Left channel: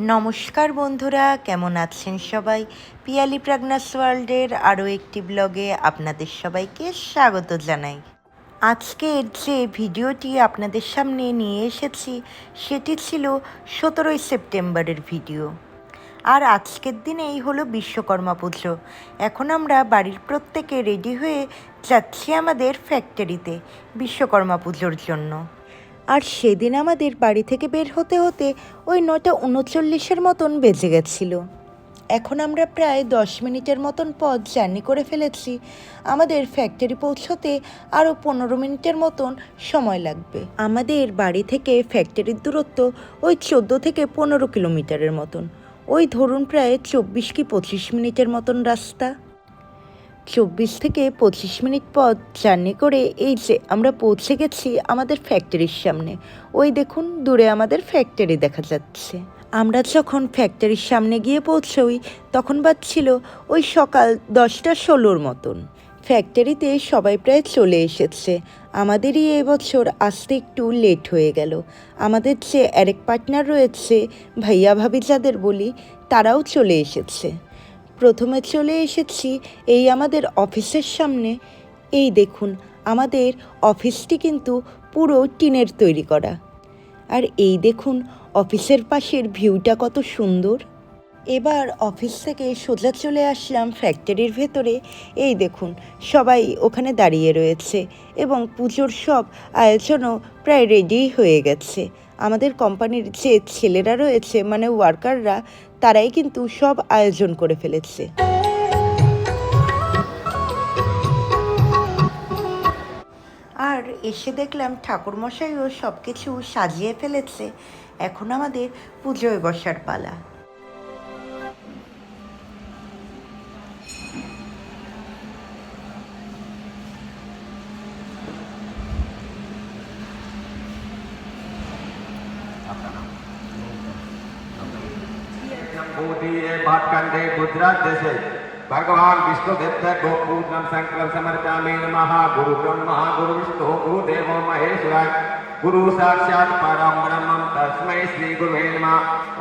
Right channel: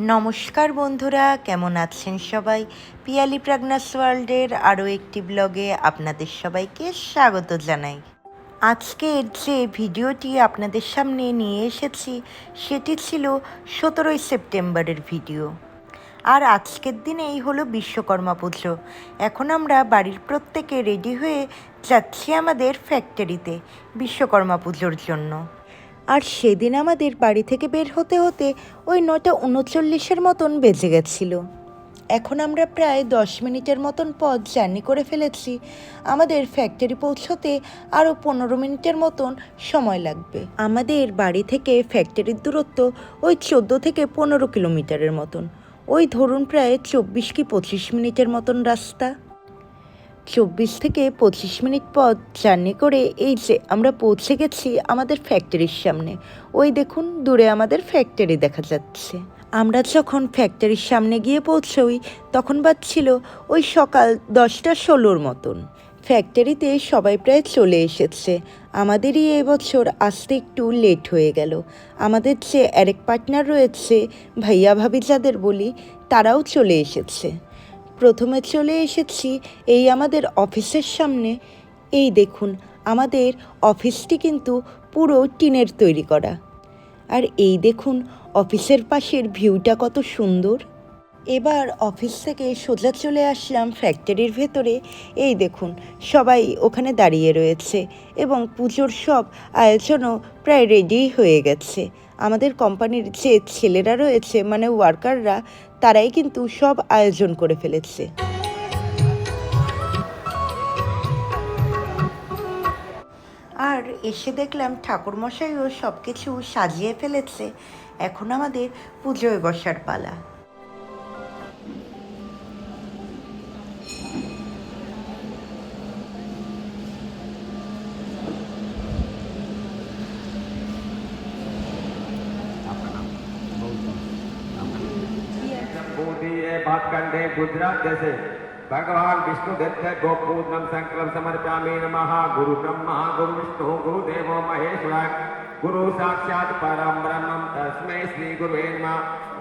নমস্কার বন্ধুরা, কেমন আছেন সবাই? পিয়ালি প্রাগনাস ওয়ার্ল্ডের আরও একটি ব্লগে আপনাদের সবাইকে স্বাগত জানাই। আজকের যে ভিডিওটি আপনাদের সামনে নিয়ে এসেছি সেটি ছিল 17ই সেপ্টেম্বরের ভিডিও। আর আজকের দিনেই হলো বিশ্বকর্মা পুজো। এখন আমরা বাড়ির প্রত্যেকে রেডি হয়ে যাচ্ছি আমাদের ফ্যাক্টরিতে বিশ্বকর্মা পুজোর জন্য। আর সেদিন আমাদের বাড়ি থেকে বের হতে হতে ওই 9:39 মতন বেজে গেছিল। এখন আমরা প্রায় 10 মিনিটের মতন পথ জার্নি করে ফেলেছি। আমাদের ফ্যাক্টরি পৌঁছতে আরও 15 মিনিটের মতন সময় লাগবে। আমাদের বাড়ি থেকে ফ্যাক্টরির দূরত্ব ওই 14 থেকে 15 কিলোমিটারের মতন। ওই ধরুন প্রায় 24 কি 25 মিনিটের মতন রাস্তা। 24 থেকে 25 মিনিট পথ জার্নি করে এই যে আমরা পৌঁছে গেছি আমাদের ফ্যাক্টরির সামনে। ওই দেখুন দূরে আমাদের ফ্যাক্টরি দেখা যাচ্ছে। আমরা যখন ফ্যাক্টরির সামনে গিয়ে পৌঁছই তখন বাজছিল ওই সকাল 10:16 মতন। ফ্যাক্টরিতে সবাই প্রায় চলে এসেছে। আমাদেরই এবছর আসতে একটু লেট হয়ে গেল। আমাদের যে আরেক পার্টনার রয়েছে, ভাইয়া ভাবি যাদের বলি, তারাও চলে এসেছে। প্রথমে চলে এসেছি এই আমাদের অফিসের সামনে। এই দেখুন আমাদের অফিসটি কিন্তু পুরো টিনের তৈরি করা। আর এই দেখুন অফিসের পাশের ভিউটা কত সুন্দর। এবার অফিস থেকে সোজা চলে আসলাম ফ্যাক্টরির ভেতরে। এই দেখুন সবাই ওখানে দাঁড়িয়ে রয়েছে এবং পুজোর সব আয়োজনও প্রায় রেডি হয়ে গেছে। আমাদের কোম্পানির যে ছেলেরা রয়েছে মানে ওয়ার্কাররা, তারাই কিন্তু সব আয়োজন করে ফেলেছে। আর এসে দেখলাম ঠাকুরমশাইও সব কিছু সাজিয়ে ফেলেছে। এখন আমাদের পুজোয় বসার পালা। भाटखंडे गुजरात देशे भगवान विष्णुदेव गोपूजनम संकल्प समर्पयामि नमः। गुरु ब्रह्मा गुरु विष्णु गुरु देवो महेश्वराय गुरु साक्षात् परम ब्रह्मं तस्मै श्री गुरुवे नमः।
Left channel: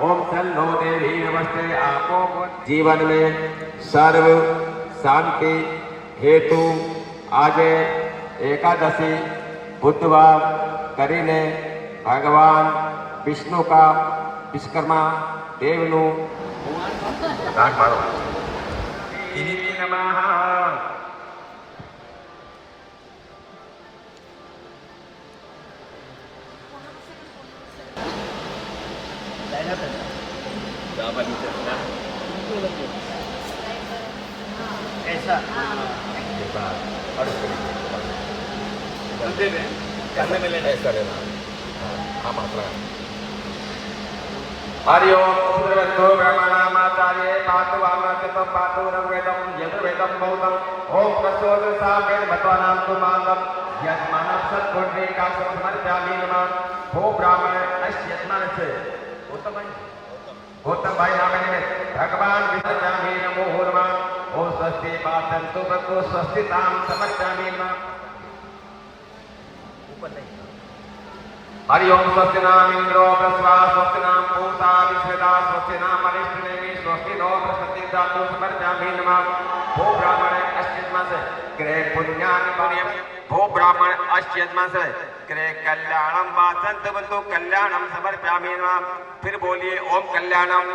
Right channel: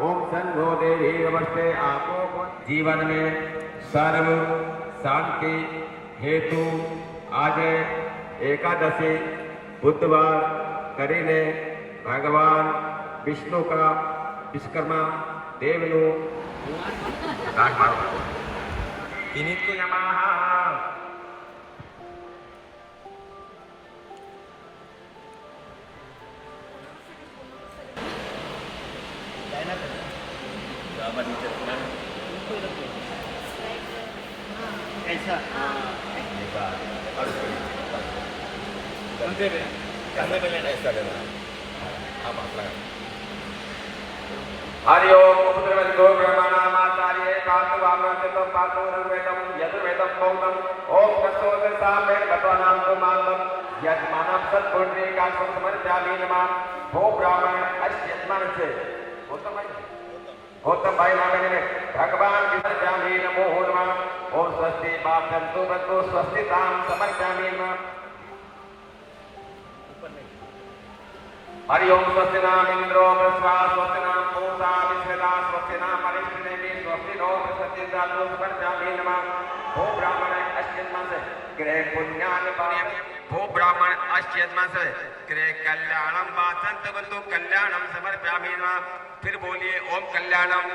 ओम सन्नो देवी नमस्ते। आपो जीवन में सर्व शांति हेतु आज एकादशी बुधवार કરીને भगवान विष्णु का विश्वकर्मा देवनु दाग मारो किनितु यमः। ऐसा ऐसा लेना। हाँ मात्रा हरि ओम सूर्यस्तो ब्रह्मणामाचार्ये पातुवामनाचितं पातुरंगवेदं यजुर्वेदं बौद्धं ओम वसोदसामेन भगवानां तुमानं यजमानं सत्पुण्डरीकाशं समर्पयामि नमः। भो ब्राह्मण अस्य यजमानस्य गौतम भाई नाम है भगवान विसर्जयामि नमो नमः। ओम स्वस्ति पाठन्तु भवतु स्वस्तितां समर्पयामि नमः। हरि ओम स्वस्ति नाम इंद्रो विश्वा स्वस्ति नाम पूषा विश्वेदा स्वस्ति नाम अविष्णुदेवी स्वस्ति नो बृहस्पति धातु समर्पयामि नमः। भो ब्राह्मण अश्चिन्मासे ग्रह पुण्यानि पुण्यं भो ब्राह्मण अश्चिन्मासे ग्रह कल्याणं वाचन्त बंधु कल्याणं समर्पयामि नमः। फिर बोलिए ओम कल्याणं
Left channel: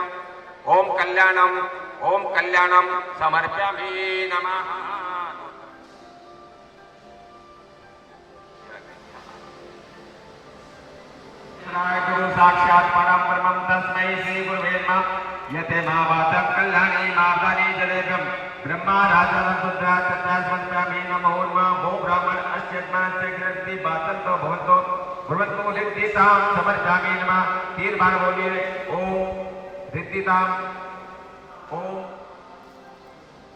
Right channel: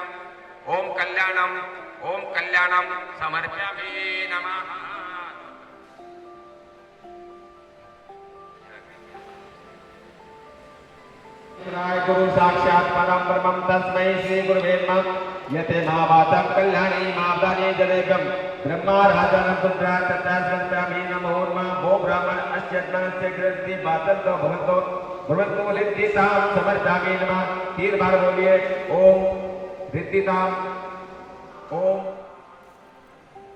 समर्पयामि नमः। गुरु साक्षात् परम ब्रह्मं तस्मै श्री गुरुवे नमः। यते महावाचं कल्याणी मावदानी जलेभ्यं ब्रह्मा राजानं पुत्रा तत्रास्मन्यामि नमो नमः। भो ब्राह्मण अश्यत्मास्य ग्रस्ति वाचन्तो भवन्तु रिद्धितां समर्पयामि नमः। 3 बार बोलिए ओम रिद्धितां ओम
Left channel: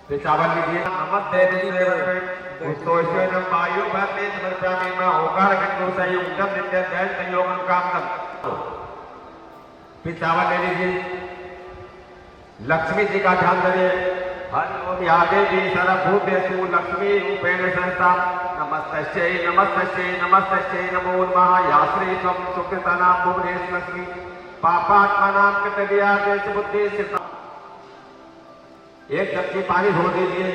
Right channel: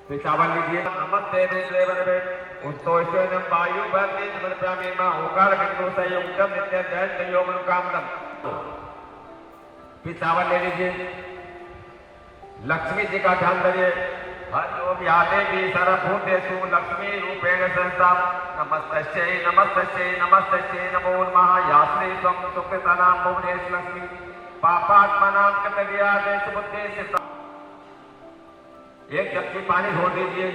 पिशावल लीजिए नमस्ते देवते उत्तोषेण वायु भरते समर्पयामि नमः। ओंकार गंगो संयुक्तम नित्य गैस संयोगम कामकम पिशावल ले लीजिए। लक्ष्मी जी का ध्यान करिए। हरि ओम या देवी सर्वभूतेषु लक्ष्मी रूपेण संस्था नमस्तस्यै नमो नमः। या श्री त्वं सुकृतानां भुवनेषु लक्ष्मी पापात्मनां कृत दिया देश बुद्धि सिद्ध एक जबकि पानी धो दीजिए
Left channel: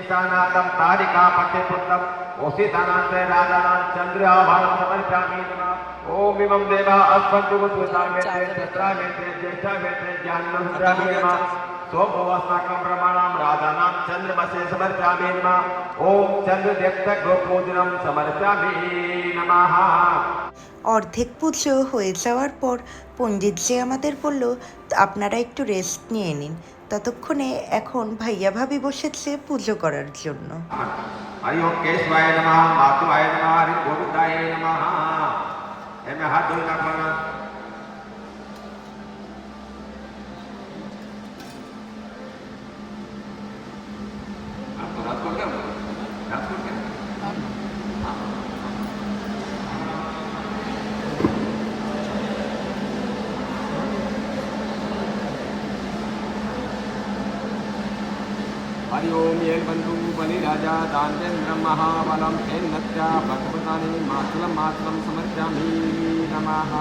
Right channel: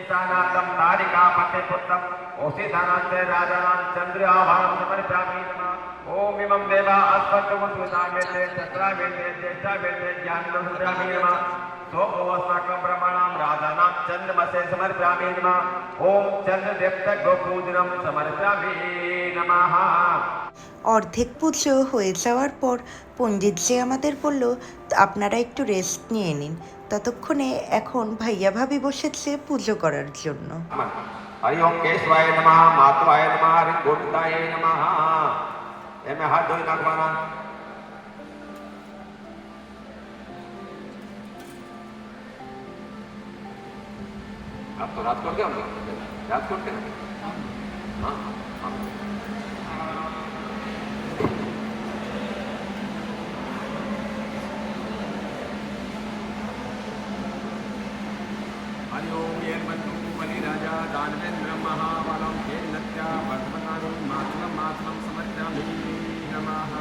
ईशानाकम तारिका पट्टे पुत्रम ओसितानांत राजानां चंद्र आभारम समर्पयामि नमः ओम इमं देवा अस्मन्तु वसुतामेते चित्रामेते ज्येष्ठामेते ज्ञानमन्त्रामि नमः सोमोऽस्माकं ब्रह्मणां राजानां चंद्रमसे समर्पयामि नमः ओम चंद्रदेवता गोपूजनं समर्पयामि नमः। অর্ধেক পুজো হয়ে যাওয়ার পর পণ্ডিতজি আমাদের বলল, আপনারা একটু রেস্ট নিয়ে নিন। ততক্ষণে এখন ভাইয়া ভাবি বসেছে পুজো করার জন্য। हरि ओम केशवाय नमः माधवाय नमः हरि गोविंदाय नमः। एमे हाथ धोई नाखवाना आपको राजकोट क्या राजकोट क्या हरि ओम ये बंधु बलिराजा दानवेन्द्र महाबलम तेन्नत्या भक्तप्रदाने मातुलम मातुलम समर्पयामि नमः।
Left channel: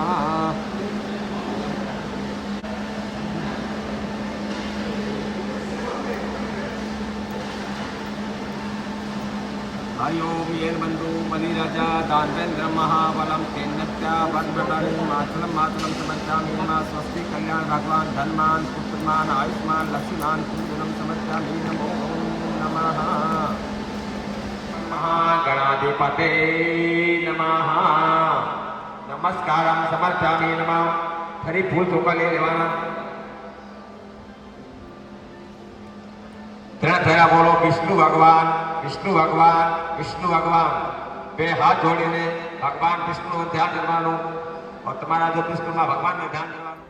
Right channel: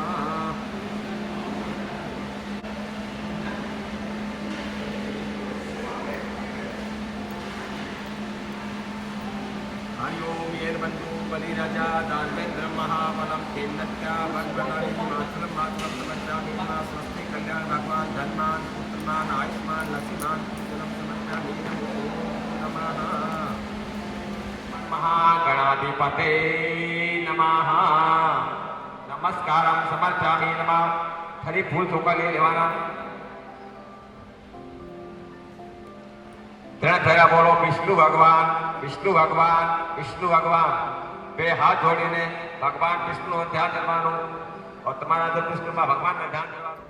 हरि ओम ये बंधु बलिराजा दानवेन्द्र महाबलम तेन्नत्या भक्तप्रदाने मातुलम मातुलम समर्पयामि नमः। स्वस्ति कल्याण भगवान धनमान पुत्रमान आयुष्मान लक्ष्मीमान कुंजलम समर्पयामि नमो नमः। महागणाधिपते नमः नमस्कारम समर्पयामि नमः। हरि फूल चौका ले लेवाना ત્રણ ફેરા બોલો વિષ્ણુ ભગવાન વિષ્ણુ ભગવાન વિષ્ણુ ભગવાન બે હાથ જોડીને ભગવાન વિષ્ણુનું ધ્યાન કરવાનું और તમારા જો વિષ્ણુમાં ભગવાનનું ધ્યાન કરવાનું।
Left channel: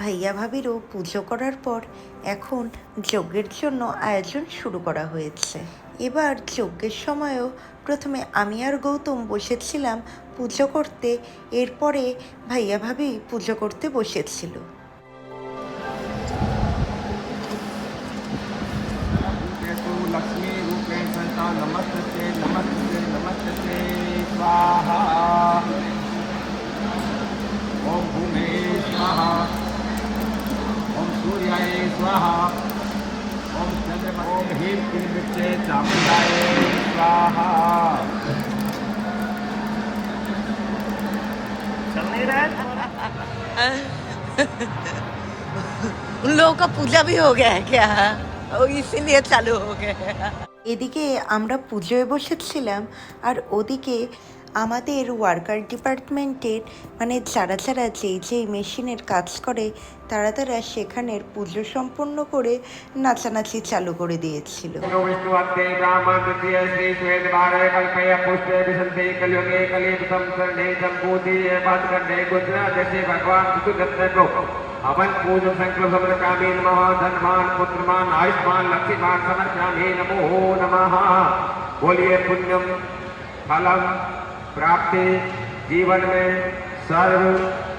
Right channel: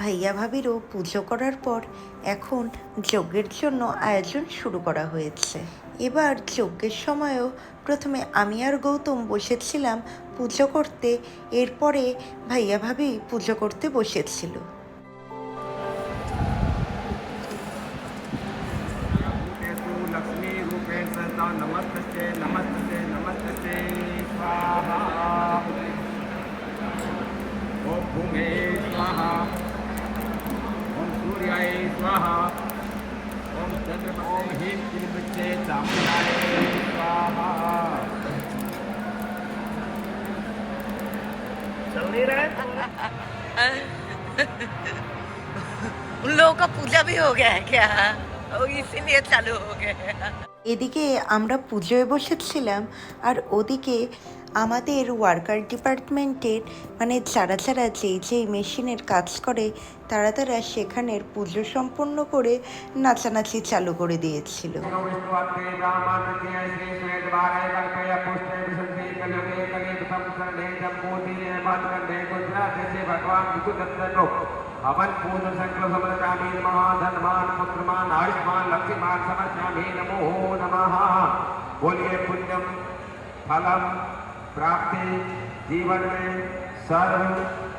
ভাইয়া ভাবিরও পুজো করার পর এখন যজ্ঞের জন্য আয়োজন শুরু করা হয়েছে। এবার যজ্ঞের সময়ও প্রথমে আমি আর গৌতম বসেছিলাম পুজো করতে, এরপরে ভাইয়া ভাবি পুজো করতে বসেছিল। लक्ष्मी रूपेण संस्था नमस्ते नमस्ते नमस्ते स्वाहा। ओम भूमे स्वाहा ओम सूर्याय स्वाहा ओम चंद्रमा ओम ह्रीं क्लीं विच्चे चामुंडाय स्वाहा। चल नहीं रहा है उन लोगों का पूजा भी हो गया है क्या? इसीलिए चालू हो गया। এদিকে আমরা পুজোয় বসেছিলাম আর ওদিকে আমাদের ওয়ার্কার ডিপার্টমেন্টের মানে যারা যারা যেই মেশিনের কাজ করে তারা সেখানের পুজো সম্পন্ন করে নাচানাচি চালু করে দিয়েছিল। विष्णुवत्ते ब्राह्मण तृतीय श्री श्वेत भारय कल्पय पुष्पे विसन्ति कलियुगे कलियुगं शरणे जम्बूति पादकण्डे गुजरात से भगवान विष्णुदत्त को हवन पूजन संकल्प समर्पयामि नमः। धनवान पुत्रमान आयुष्मान लक्ष्मीमान समर्पयामि नमो नमः। बोलिए पुण्यम फलम प्राप्ति जीवन में सर्व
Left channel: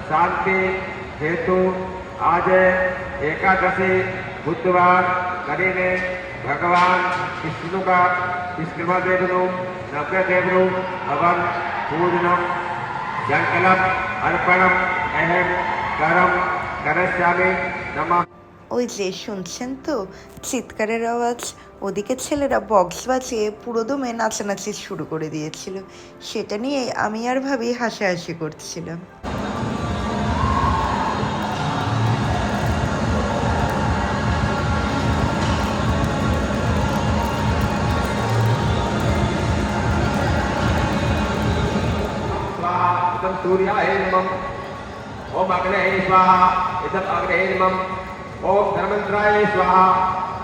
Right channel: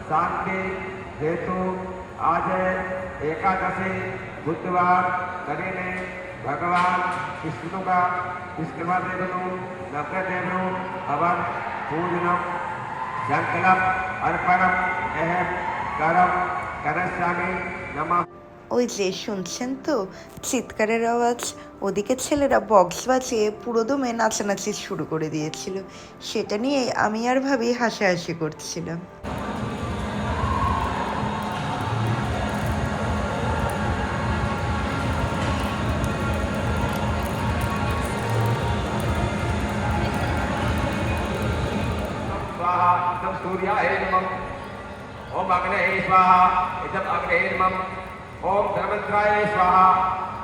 शांति हेतु आज एकादशी बुधवार કરીને ભગવાન વિષ્ણુ का વિષ્ણુદેવનું નવદેવનું હવન પૂજનમ સંકલ્પ અર્પણમ અહેમ કરમ করস্যামি নমঃ। ওই যে শুনছেন তো চিৎকারের আওয়াজ, ওদিকে ছেলেরা বক্স বাজিয়ে পুরো দমে নাচানাচি শুরু করে দিয়েছিল। সেটা নিয়ে আমি আর ভাবি হাসাহাসি করছিলাম। इदं सूर्याय नमः। ओम अग्नये स्वाहा इदं अग्नये नमः। ओम धर्मेन्द्राय स्वाहा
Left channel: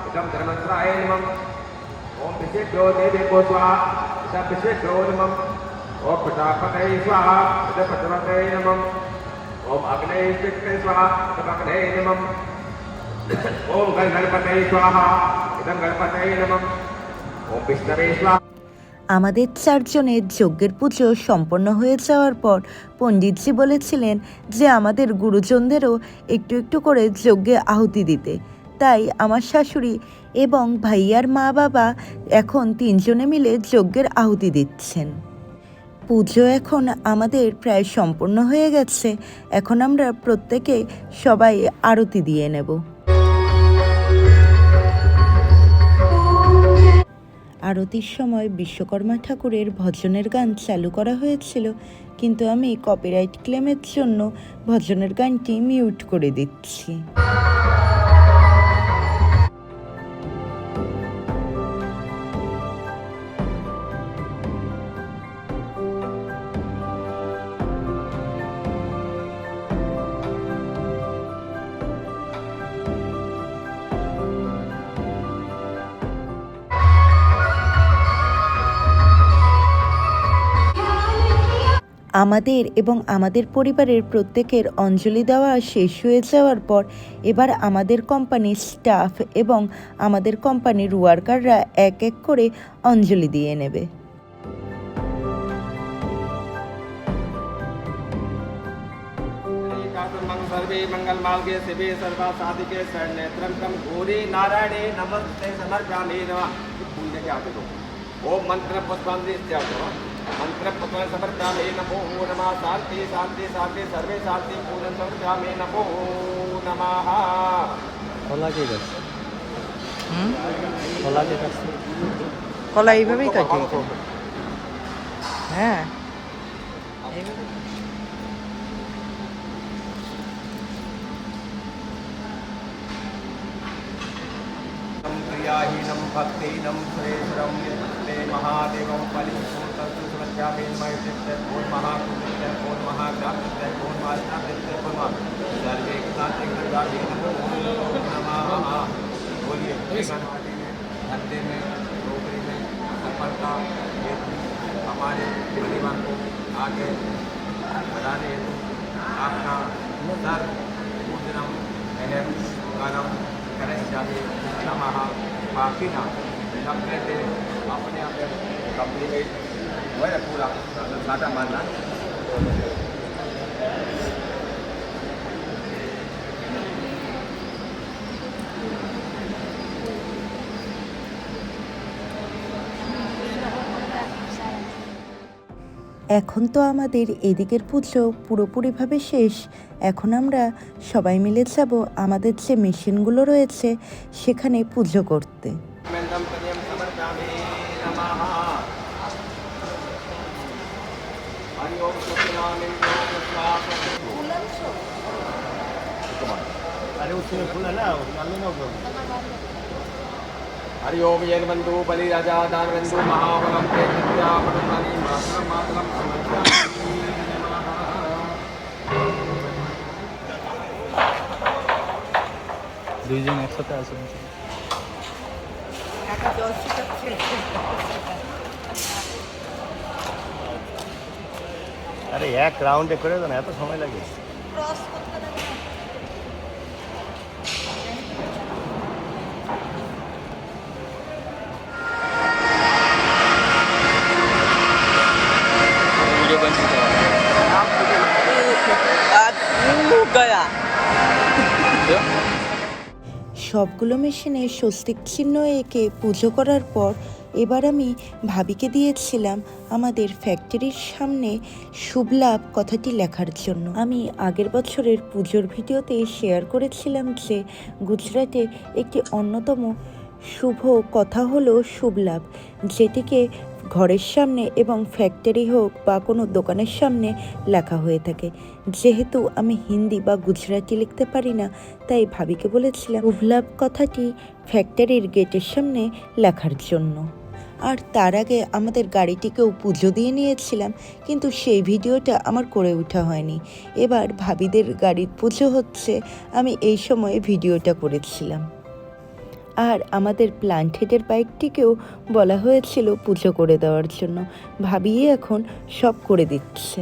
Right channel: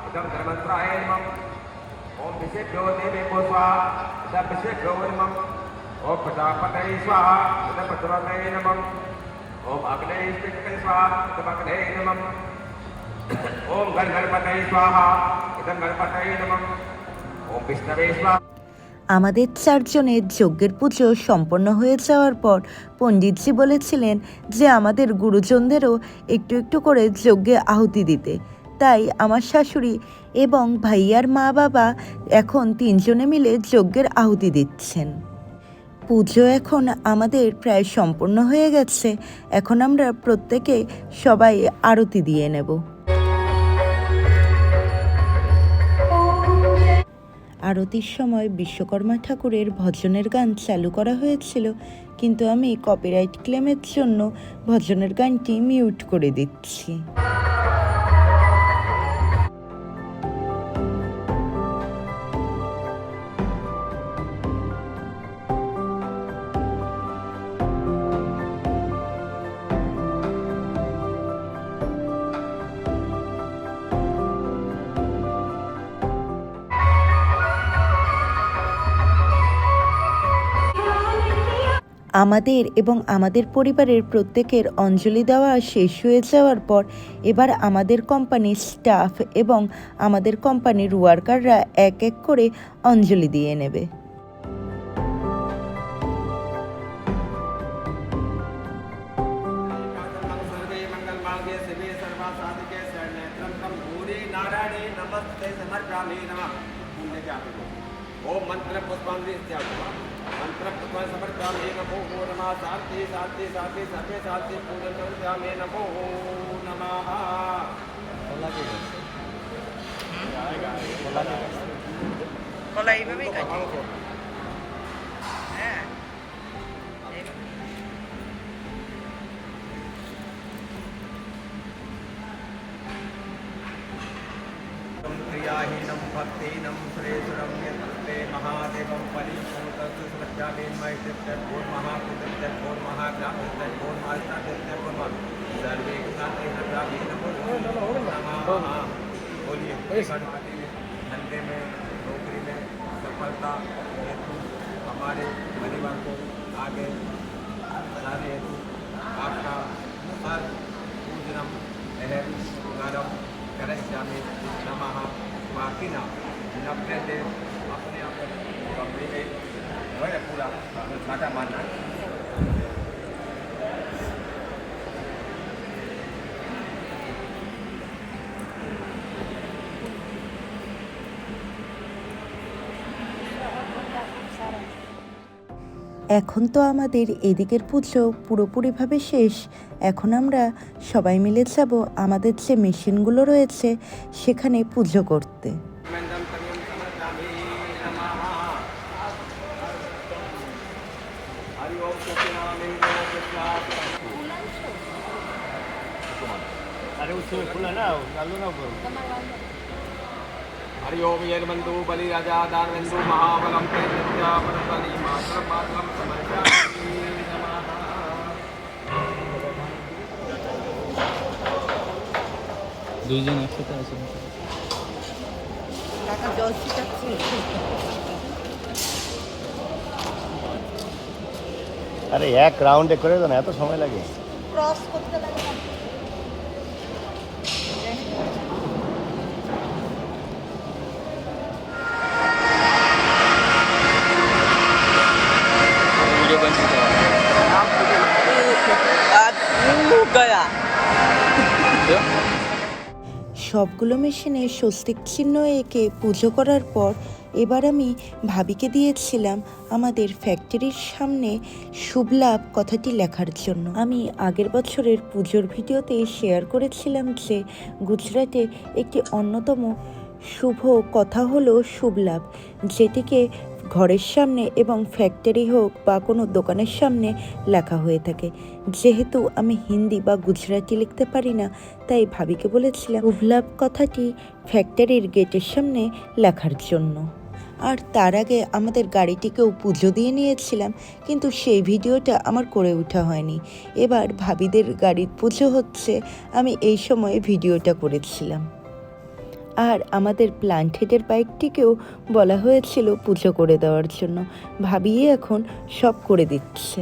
इदं धर्मेन्द्राय नमः। ओम विश्वेभ्यो देवेभ्यो स्वाहा इदं विश्वेभ्यो नमः। ओम प्रजापतये स्वाहा इदं प्रजापतये नमः। ओम अग्नये विष्णवे स्वाहा इदं अग्नये नमः। ओम गणपतये स्वाहा इदं गणपतये नमः। ओम विष्णवे स्वाहा। আমাদের চারজনের যজ্ঞের পুজো সম্পন্ন হয়ে যাওয়ার পর পণ্ডিতজি বলেছিলেন যে আমাদের গুরুজনদেরও একটু একটু করে যজ্ঞে আহুতি দিতে। তাই আমার শাশুড়ি এবং ভাইয়ার মা বাবা এখন তিনজনে মিলে যজ্ঞের আহুতি দিচ্ছেন। পুজো এখন আমাদের প্রায় সম্পূর্ণ হয়ে গেছে। এখন আমরা প্রত্যেকে সবাই আরতি দিয়ে নেব। আরতির সময় বিশ্বকর্মা ঠাকুরের ভজনের গান চালু করা হয়েছিল, কিন্তু আমি কপিরাইট ক্লেমের জন্য ভজনের গানটি মিউট করে দিচ্ছি। আমাদের এবং আমাদের পরিবারের প্রত্যেকের অঞ্জলি দেওয়া শেষ হয়ে যাওয়ার পর এবার আমাদের কোম্পানির স্টাফ এবং আমাদের কোম্পানির ওয়ার্কাররা এক এক করে অঞ্জলি দিয়ে নেবে। सर्वे मंगल मार्गे शिवे सर्वा साधिके शरण्ये त्र्यंबकं गौरी नारायणे नमस्ते समर्पयामि नमः। पुण्य क्या करो ओम मंत्र पुष्पांजलि मंत्र पुष्प समर्पयामि नमो नमः। शांति शांति शांति सर्वे शांति पूर्ण समर्पयामि नमो नमः। কলা এইভাবেই কাটি। হ্যাঁ, प्रियाहीनं भक्तिहीनं श्रेष्ठं यत्ते महादेवं परिपूर्णस्तु समर्पयामि महेश्वरस्य भूर् महाकुलस्य भूर् महाग्रामस्य भूर् महास्तास्य भूर् सर्वे ज्ञाते प्रजापति नमो नमः। बोलिए गणपति में धंधे में नौकरी में सफलता हेतु हमारे परिवार को आगे बढ़ाने हेतु आपका सर पूजनम अहम गरम करिष्यामि नमः। बाकी ना अपने से अपने यहाँ पे कंपनी में वह पूरा सादा मानना। এখন তো আমাদের এদিকের পুজো পুরোপুরিভাবে শেষ। এখন আমরা সবাই মিলে যাব আমাদের যে মেশিনগুলো রয়েছে সেখানে পুজো করতে। हरि ओम जयबंधु बलि राजा दानबंधु महाबलम ते नित्या पदपाली मातरम मातरम समर्पयामि नमः। দুইজন একসাথে আছেন। আরে এক রাউন্ডে করে দেন, এত সময় লাগে? সবগুলো মেশিনে স্বস্তিক চিহ্ন এঁকে পুজো করার পর এবার আমি ভাবিকে দিয়েছিলাম আমাদের ফ্যাক্টরির সামনে শুভ লাভ কথাটি লেখার জন্য। আমি আগের বছরের পুজোর ভিডিওতে শেয়ার করেছিলাম যে গুজরাটে একটি অন্যতম শুভ কথা হলো শুভ লাভ, যেটিকে ঘরের সামনে এবং ফ্যাক্টরি হোক বা কোনো দোকানের সামনে লেখা হয়ে থাকে। যেহেতু আমি হিন্দি বা গুজরাটি লিখতে পারি না, তাই ভাবিকে বলেছিলাম শুভ লাভ কথাটি ফ্যাক্টরির গেটের সামনে লেখার জন্য। আর তার আগে আমাদের গাড়িটিকেও পুজো দিয়ে নিয়েছিলাম, কিন্তু সেই ভিডিওটা আমার করে ওঠা হয়নি। এবার ভাবিদের গাড়ির পুজো হচ্ছে, আমি এই সময়ে ভিডিওটা করেছিলাম। আর আমাদের প্ল্যান্ট হেডের বাইকটিকেও বলা হয়েছিল পুজো করে দেওয়ার জন্য, ভাবিয়ে এখন সব করে দিচ্ছে।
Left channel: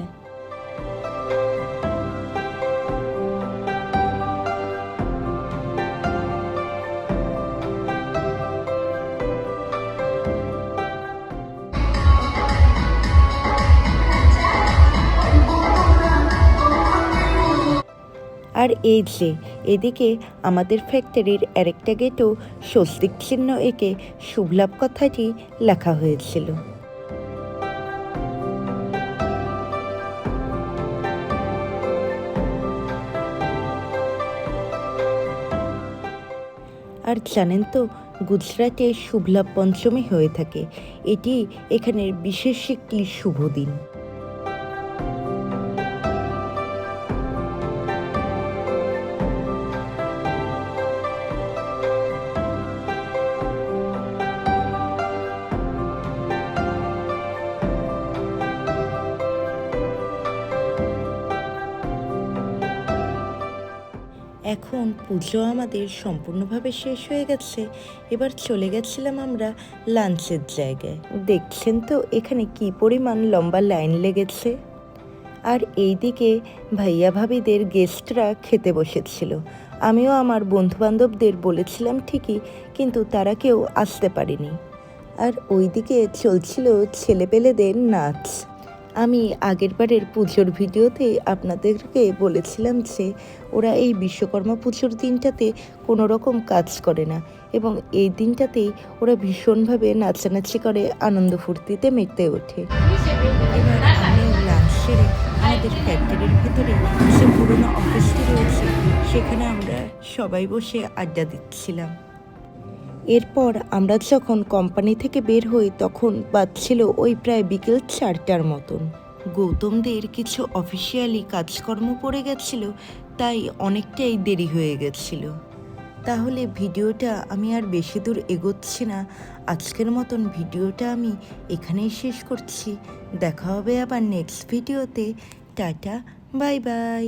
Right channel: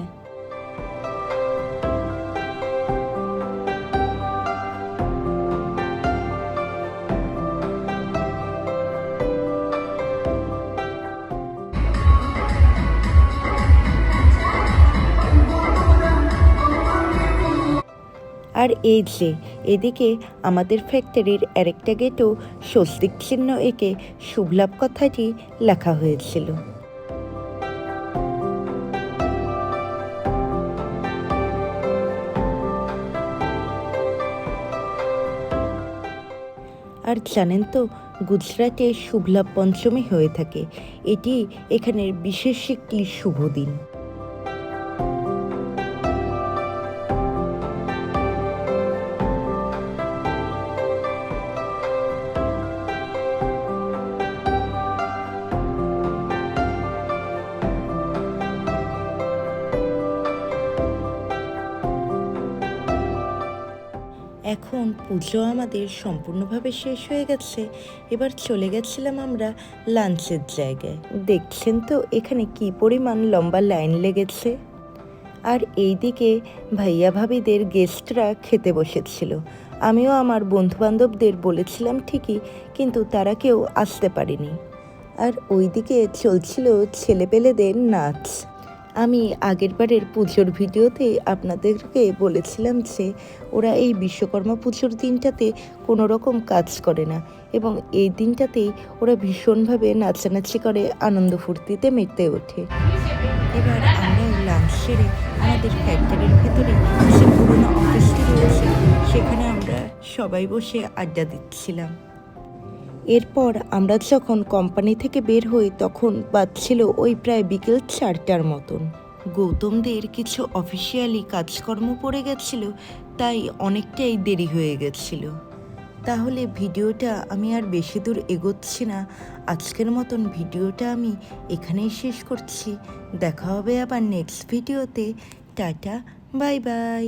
আর এই যে এদিকে আমাদের ফ্যাক্টরির আরেকটা গেটও স্বস্তিক চিহ্ন এঁকে শুভলাভ কথাটি লেখা হয়েছিল। আর জানেন তো, গুজরাটে শুভলাভ পঞ্চমী হয়ে থাকে। এটি এখানের বিশেষ একটি শুভ দিন। এখন পুজো আমাদের সম্পূর্ণভাবে শেষ হয়ে গেছে। এবার চলে গেছিলাম আমরা লাঞ্চের জায়গায়। দেখছেন তো এখানে কি পরিমাণ লম্বা লাইন লেগেছে। আর এইদিকে ভাইয়া ভাবিদের গেস্টরা খেতে বসেছিল। আমিও আমার বন্ধুবান্ধবদের বলেছিলাম ঠিকই, কিন্তু তারা কেউ আসতে পারেনি। আর ওইদিকে চলছিল ছেলেপেলেদের নাচ। আমি আগেরবারের পুজোর ভিডিওতে আপনাদেরকে বলেছিলাম যে ওরা এই বিশ্বকর্মা পুজোর দিনটাতে কোনো রকম কাজ করে না, এবং এই দিনটাতেই ওরা ভীষণভাবে নাচানাচি করে, আনন্দ ফুর্তিতে মেতে ওঠে। এবার আমরাও লাঞ্চ সেরে আমাদের ফ্যাক্টরির ভেতরে যে পুরোনো অফিসটি রয়েছে সেখানে আমরা সবাই বসে আড্ডা দিচ্ছিলাম। এরপর আমরা যখন কোম্পানি থেকে বের হই তখন বাজছিল ওই প্রায় বিকেল 4টার মতন। গৌতমদের কিছু অফিসিয়ালি কাজকর্ম পড়ে গেছিল, তাই অনেকটাই দেরি হয়ে গেছিল। তাহলে ভিডিওটা আমি আর বেশি দূর এগোচ্ছি না। আজকের মতন ভিডিওটা আমি এখানেই শেষ করছি। দেখা হবে আবার নেক্সট ভিডিওতে। Tata, bye bye.